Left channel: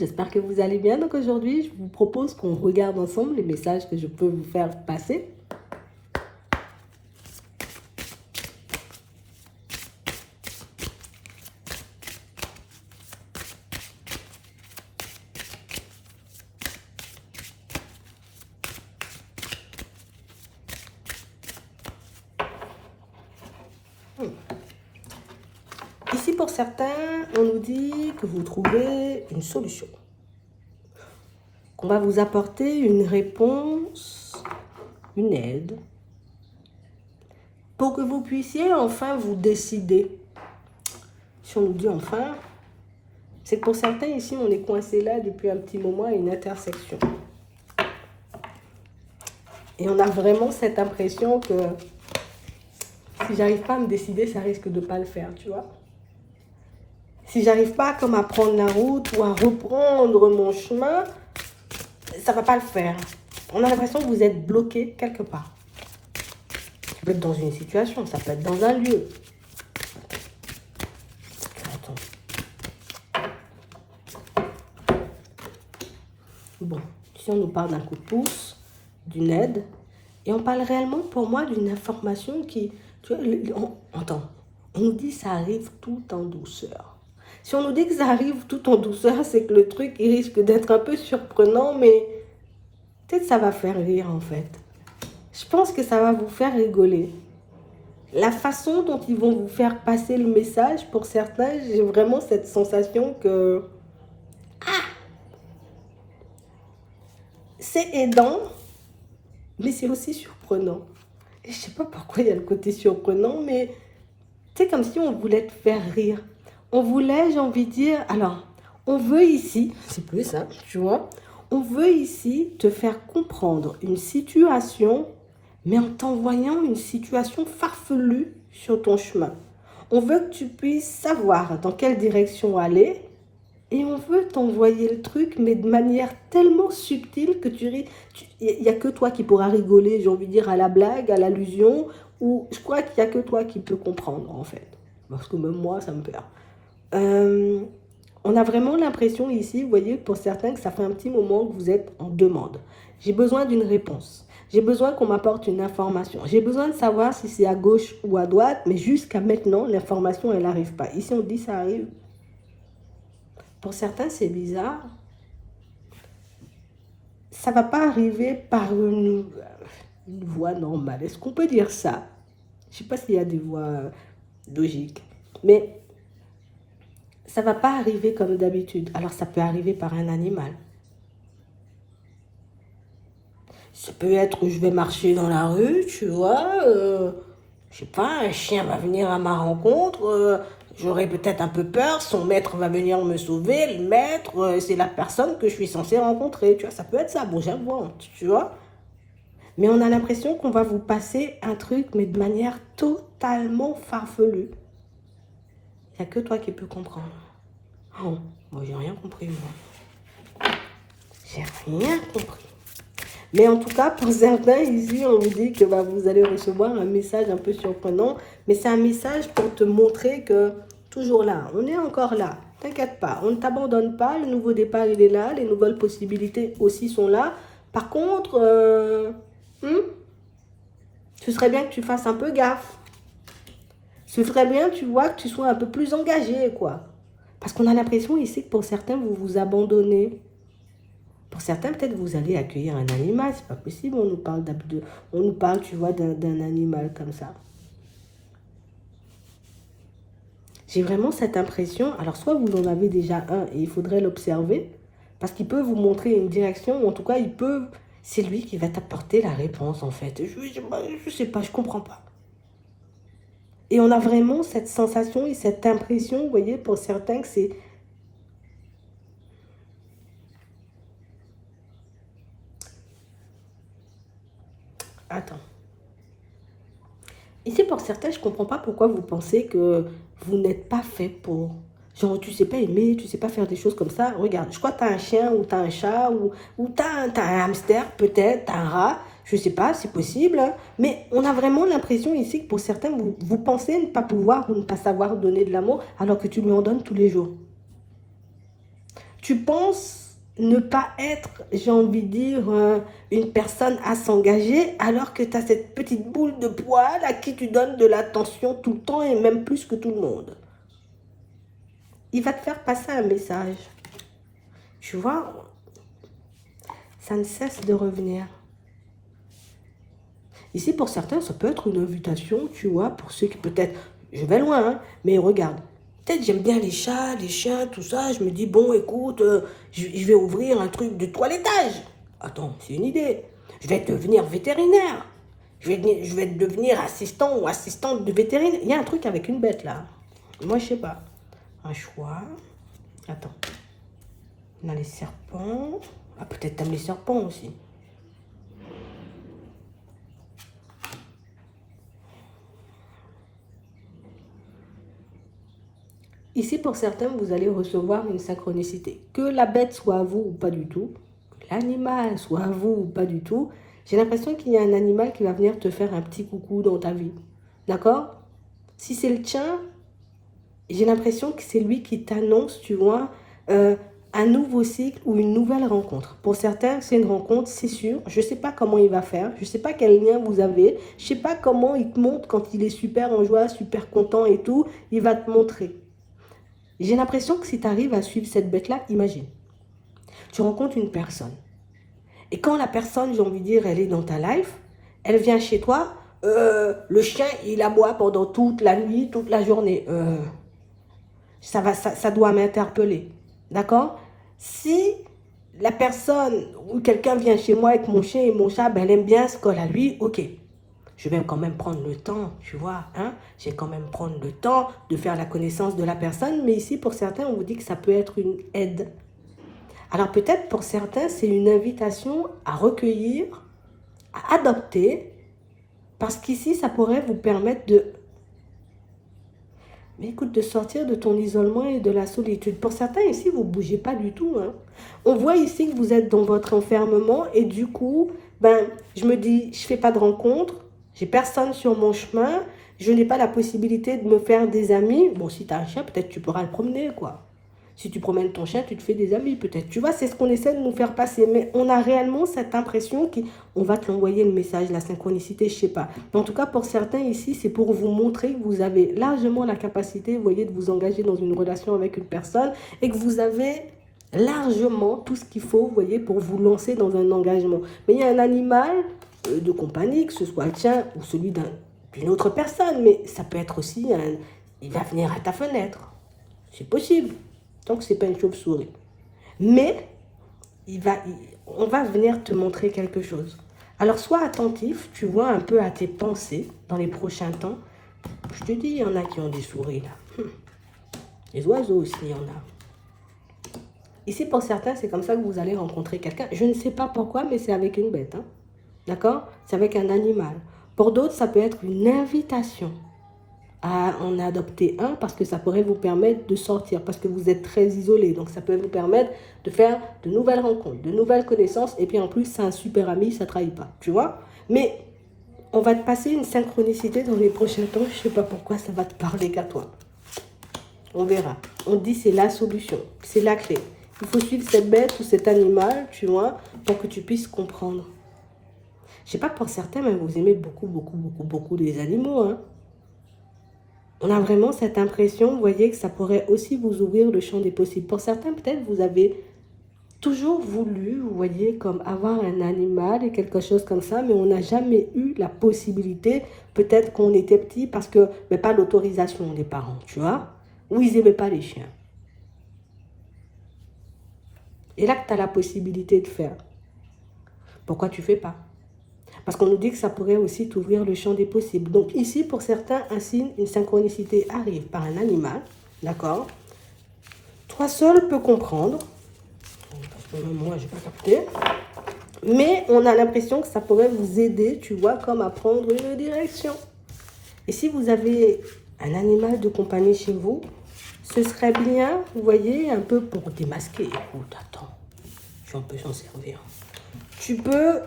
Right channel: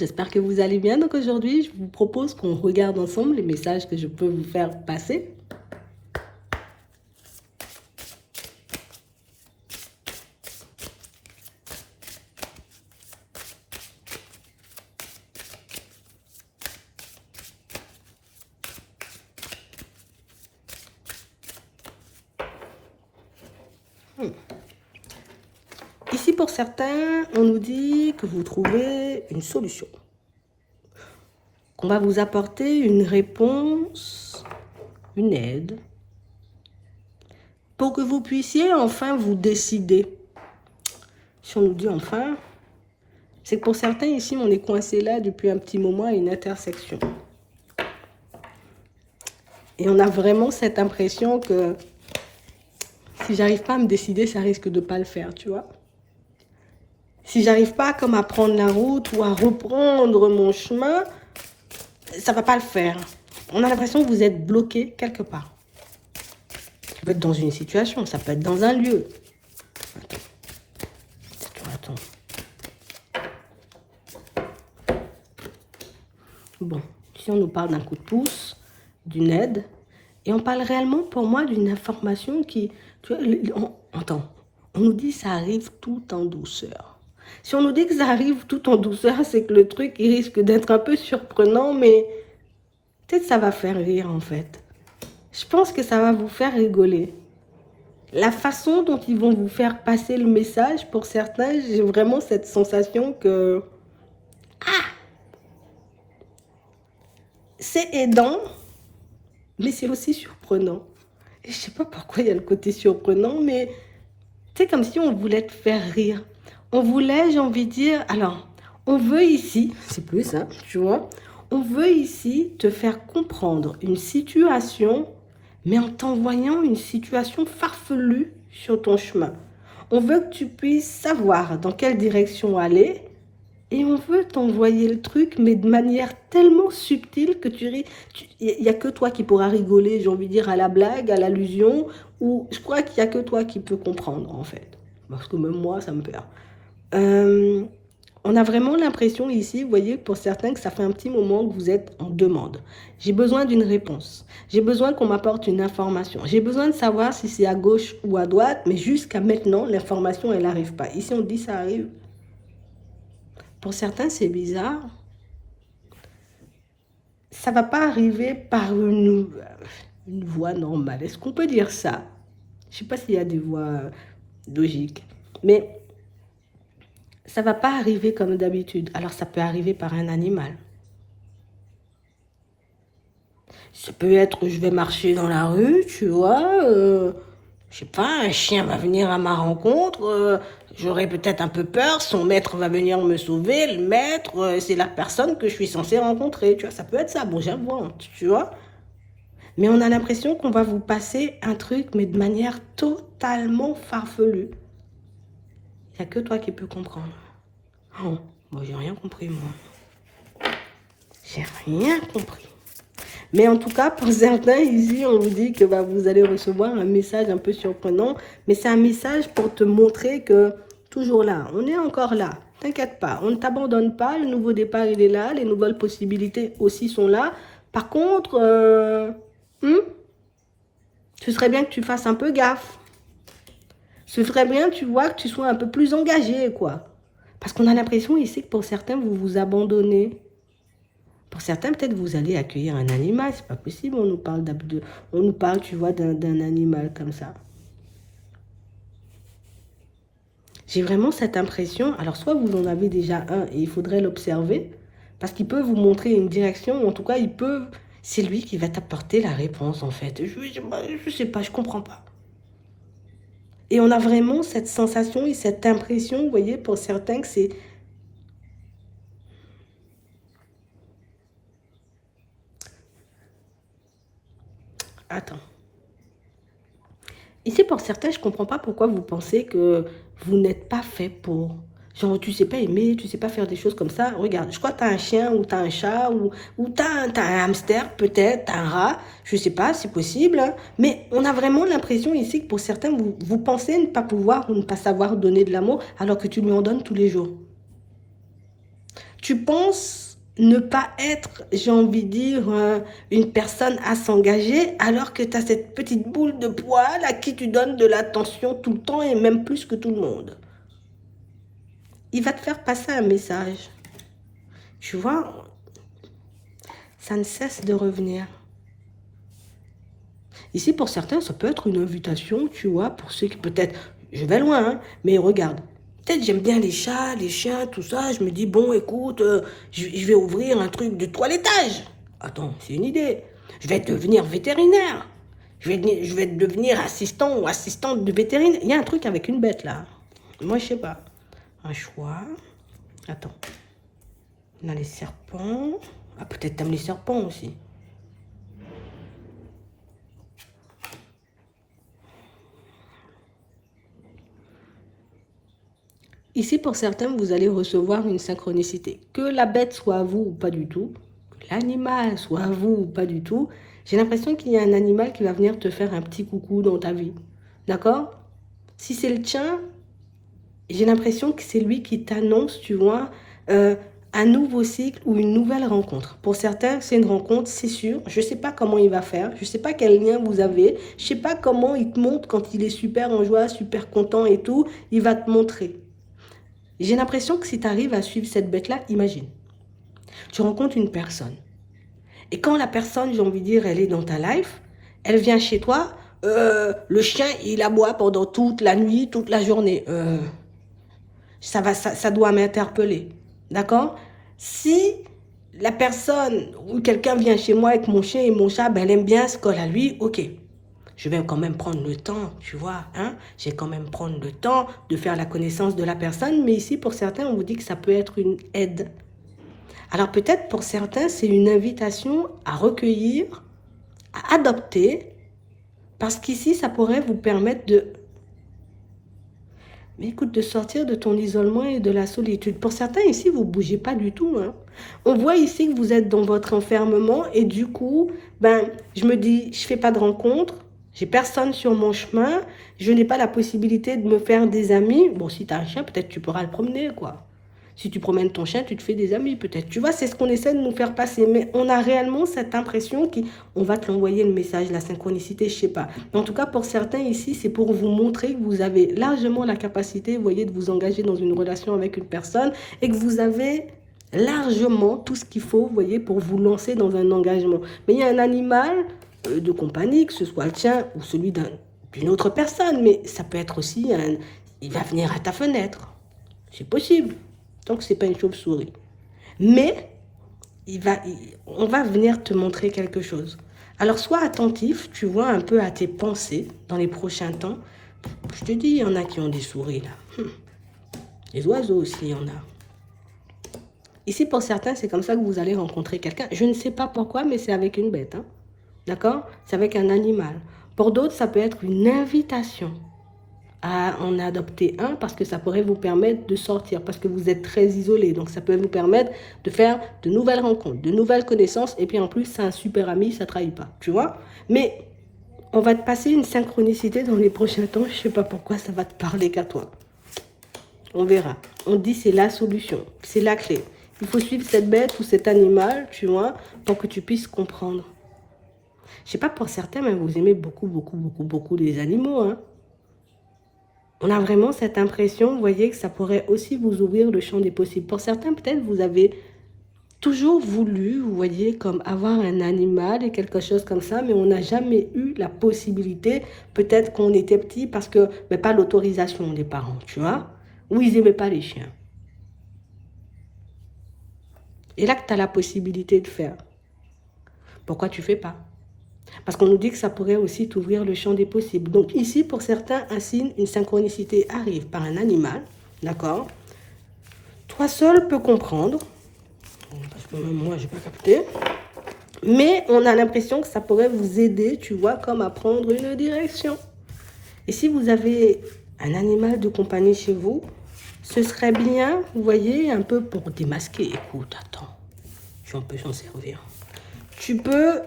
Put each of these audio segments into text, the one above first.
j'espère que vous allez bien. Donc aujourd'hui, je vous propose qu'on regarde ensemble les messages que je peux vous faire passer. Ici, pour certains, on nous dit que vous trouvez une solution. Qu'on va vous apporter une réponse, une aide, pour que vous puissiez enfin vous décider. Si on nous dit enfin, c'est que pour certains ici, on est coincé là depuis un petit moment à une intersection. Et on a vraiment cette impression que si j'arrive pas à me décider, ça risque de ne pas le faire, tu vois. Si j'arrive pas comme à prendre la route ou à reprendre mon chemin, ça va pas le faire. On a l'impression que vous êtes bloqué quelque part. Ça peut être dans une situation, ça peut être dans un lieu. Bon, ici on nous parle d'un coup de pouce, d'une aide, et on parle réellement pour moi d'une information qui, tu vois, on nous dit que ça arrive tout en douceur. Si on nous dit que ça arrive tout en douceur, c'est que le truc il risque d'être un peu surprenant, mais peut-être ça va faire rire en fait. Je pense que ça va vous faire rigoler. La façon dont ils vont vous faire passer le message, pour certains, j'ai vraiment cette sensation que c'est aidant, mais c'est aussi surprenant. Et je sais pas pourquoi il y a le côté surprenant, mais c'est comme si on voulait te faire rire. On voulait, j'ai envie de dire, alors, on veut ici, c'est plus ça, tu vois, on veut ici te faire comprendre une situation, mais en t'envoyant une situation farfelue sur ton chemin. On veut que tu puisses savoir dans quelle direction aller, et on veut t'envoyer le truc, mais de manière tellement subtile que il n'y a que toi qui pourras rigoler, j'ai envie de dire, à la blague, à l'allusion, ou je crois qu'il n'y a que toi qui peux comprendre, en fait. Parce que même moi, ça me perd. On a vraiment l'impression ici, vous voyez, pour certains, que ça fait un petit moment que vous êtes en demande. J'ai besoin d'une réponse. J'ai besoin qu'on m'apporte une information. J'ai besoin de savoir si c'est à gauche ou à droite, mais jusqu'à maintenant, l'information, elle n'arrive pas. Ici, on dit ça arrive. Pour certains, c'est bizarre. Ça ne va pas arriver par une voie normale. Est-ce qu'on peut dire ça? Je ne sais pas s'il y a des voies logiques. Mais ça ne va pas arriver comme d'habitude. Alors, ça peut arriver par un animal. Ça peut être, je vais marcher dans la rue, tu vois, je sais pas, un chien va venir à ma rencontre, j'aurai peut-être un peu peur, son maître va venir me sauver, le maître, c'est la personne que je suis censée rencontrer, tu vois, ça peut être ça, bouger un bon, tu vois. Mais on a l'impression qu'on va vous passer un truc, mais de manière totalement farfelue. Il n'y a que toi qui peux comprendre. Oh, moi j'ai rien compris, moi. J'ai rien compris. Mais en tout cas, pour certains, ici, on vous dit que vous allez recevoir un message un peu surprenant. Mais c'est un message pour te montrer que, toujours là, on est encore là. T'inquiète pas, on ne t'abandonne pas. Le nouveau départ, il est là. Les nouvelles possibilités aussi sont là. Par contre, ce serait bien que tu fasses un peu gaffe. Ce serait bien, tu vois, que tu sois un peu plus engagé, quoi. Parce qu'on a l'impression ici que pour certains, vous vous abandonnez. Pour certains, peut-être vous allez accueillir un animal, c'est pas possible, on nous parle, tu vois, d'un animal comme ça. J'ai vraiment cette impression, alors soit vous en avez déjà un et il faudrait l'observer, parce qu'il peut vous montrer une direction, en tout cas, c'est lui qui va t'apporter la réponse en fait. Je sais pas, je comprends pas. Et on a vraiment cette sensation et cette impression, vous voyez, pour certains que c'est... Attends. Ici, pour certains, je ne comprends pas pourquoi vous pensez que vous n'êtes pas fait pour. Genre, tu ne sais pas aimer, tu ne sais pas faire des choses comme ça. Regarde, je crois que tu as un chien ou tu as un chat ou tu as un hamster, peut-être, tu as un rat. Je ne sais pas, c'est possible. Hein. Mais on a vraiment l'impression ici que pour certains, vous pensez ne pas pouvoir ou ne pas savoir donner de l'amour alors que tu lui en donnes tous les jours. Tu penses ne pas être, j'ai envie de dire, une personne à s'engager alors que tu as cette petite boule de poil à qui tu donnes de l'attention tout le temps et même plus que tout le monde. Il va te faire passer un message. Tu vois, ça ne cesse de revenir. Ici, pour certains, ça peut être une invitation, tu vois, pour ceux qui peut-être, je vais loin, hein, mais regarde, peut-être j'aime bien les chats, les chiens, tout ça, je me dis, bon, écoute, je vais ouvrir un truc de toilettage. Attends, c'est une idée. Je vais devenir vétérinaire. Je vais devenir assistant ou assistante de vétérinaire. Il y a un truc avec une bête, là. Moi, je sais pas. Un choix. Attends. On a les serpents. Ah, peut-être t'aimes les serpents aussi. Ici, pour certains, vous allez recevoir une synchronicité. Que la bête soit à vous ou pas du tout, que l'animal soit à vous ou pas du tout, j'ai l'impression qu'il y a un animal qui va venir te faire un petit coucou dans ta vie. D'accord? Si c'est le tien, j'ai l'impression que c'est lui qui t'annonce, tu vois, un nouveau cycle ou une nouvelle rencontre. Pour certains, c'est une rencontre, c'est sûr. Je ne sais pas comment il va faire. Je ne sais pas quel lien vous avez. Je ne sais pas comment il te montre quand il est super en joie, super content et tout. Il va te montrer. J'ai l'impression que si tu arrives à suivre cette bête-là, imagine, tu rencontres une personne. Et quand la personne, j'ai envie de dire, elle est dans ta life, elle vient chez toi, le chien, il aboie pendant toute la nuit, toute la journée. Ça doit m'interpeller. D'accord? Si la personne ou quelqu'un vient chez moi avec mon chien et mon chat, ben, elle aime bien ce colle à lui, ok. Je vais quand même prendre le temps, tu vois, hein? Je vais quand même prendre le temps de faire la connaissance de la personne, mais ici, pour certains, on vous dit que ça peut être une aide. Alors peut-être pour certains, c'est une invitation à recueillir, à adopter, parce qu'ici, ça pourrait vous permettre de, mais écoute, de sortir de ton isolement et de la solitude. Pour certains ici, vous ne bougez pas du tout, hein. On voit ici que vous êtes dans votre enfermement et du coup, ben, je me dis, je ne fais pas de rencontre, j'ai personne sur mon chemin, je n'ai pas la possibilité de me faire des amis. Bon, si tu as un chien, peut-être tu pourras le promener, quoi. Si tu promènes ton chien, tu te fais des amis, peut-être. Tu vois, c'est ce qu'on essaie de nous faire passer. Mais on a réellement cette impression qu'on va te l'envoyer le message, la synchronicité, je sais pas. Mais en tout cas, pour certains ici, c'est pour vous montrer que vous avez largement la capacité, vous voyez, de vous engager dans une relation avec une personne et que vous avez largement tout ce qu'il faut, vous voyez, pour vous lancer dans un engagement. Mais il y a un animal de compagnie, que ce soit le tien ou celui d'une autre personne, mais ça peut être aussi il va venir à ta fenêtre. C'est possible. Donc, ce n'est pas une chauve-souris. Mais, on va venir te montrer quelque chose. Alors, sois attentif, tu vois, un peu à tes pensées dans les prochains temps. Je te dis, il y en a qui ont des souris, là. Les oiseaux aussi, il y en a. Ici, pour certains, c'est comme ça que vous allez rencontrer quelqu'un. Je ne sais pas pourquoi, mais c'est avec une bête. Hein. D'accord? C'est avec un animal. Pour d'autres, ça peut être une invitation à en adopter un parce que ça pourrait vous permettre de sortir, parce que vous êtes très isolé. Donc, ça peut vous permettre de faire de nouvelles rencontres, de nouvelles connaissances. Et puis, en plus, c'est un super ami, ça ne trahit pas. Tu vois? Mais on va te passer une synchronicité dans les prochains temps. Je ne sais pas pourquoi ça va te parler qu'à toi. On verra. On dit c'est la solution. C'est la clé. Il faut suivre cette bête ou cet animal, tu vois, pour que tu puisses comprendre. Je sais pas pour certains, mais vous aimez beaucoup les animaux, hein. On a vraiment cette impression, vous voyez, que ça pourrait aussi vous ouvrir le champ des possibles. Pour certains, peut-être, vous avez toujours voulu, vous voyez, comme avoir un animal et quelque chose comme ça, mais on n'a jamais eu la possibilité, peut-être qu'on était petit, parce que, mais pas l'autorisation des parents, tu vois, ou ils n'aimaient pas les chiens. Et là que tu as la possibilité de faire, pourquoi tu ne fais pas? Parce qu'on nous dit que ça pourrait aussi t'ouvrir le champ des possibles. Donc ici, pour certains, un signe, une synchronicité arrive par un animal, d'accord? Toi seul peux comprendre. Moi, je vais écouter. Mais on a l'impression que ça pourrait vous aider, tu vois, comme à prendre une direction. Et si vous avez un animal de compagnie chez vous, ce serait bien, vous voyez, un peu pour démasquer. Écoute, attends, je peux s'en servir. Tu peux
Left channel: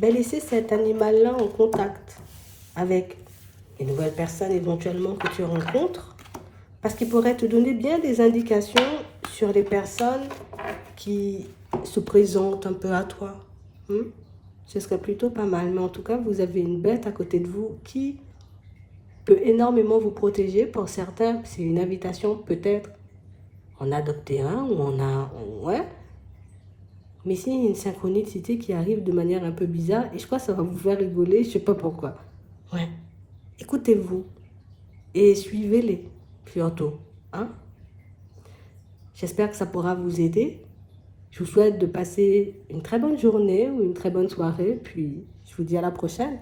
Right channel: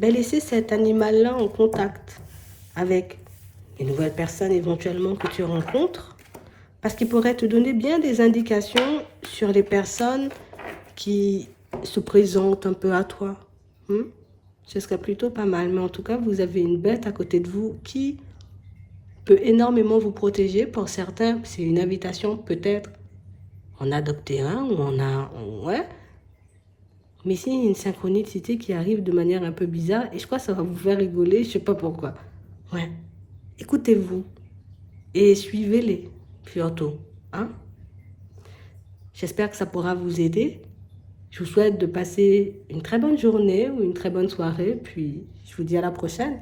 laisser cet animal-là en contact avec les nouvelles personnes éventuellement que tu rencontres Parce qu'il pourrait te donner bien des indications sur les personnes qui se présentent un peu à toi. Hmm? Ce serait plutôt pas mal. Mais en tout cas, vous avez une bête à côté de vous qui peut énormément vous protéger. Pour certains, c'est une invitation peut-être en adopter un ou ouais. Mais c'est une synchronicité qui arrive de manière un peu bizarre et je crois que ça va vous faire rigoler, je sais pas pourquoi. Ouais. Écoutez-vous et suivez-les, surtout. Hein? J'espère que ça pourra vous aider. Je vous souhaite de passer une très bonne journée ou une très bonne soirée, puis je vous dis à la prochaine.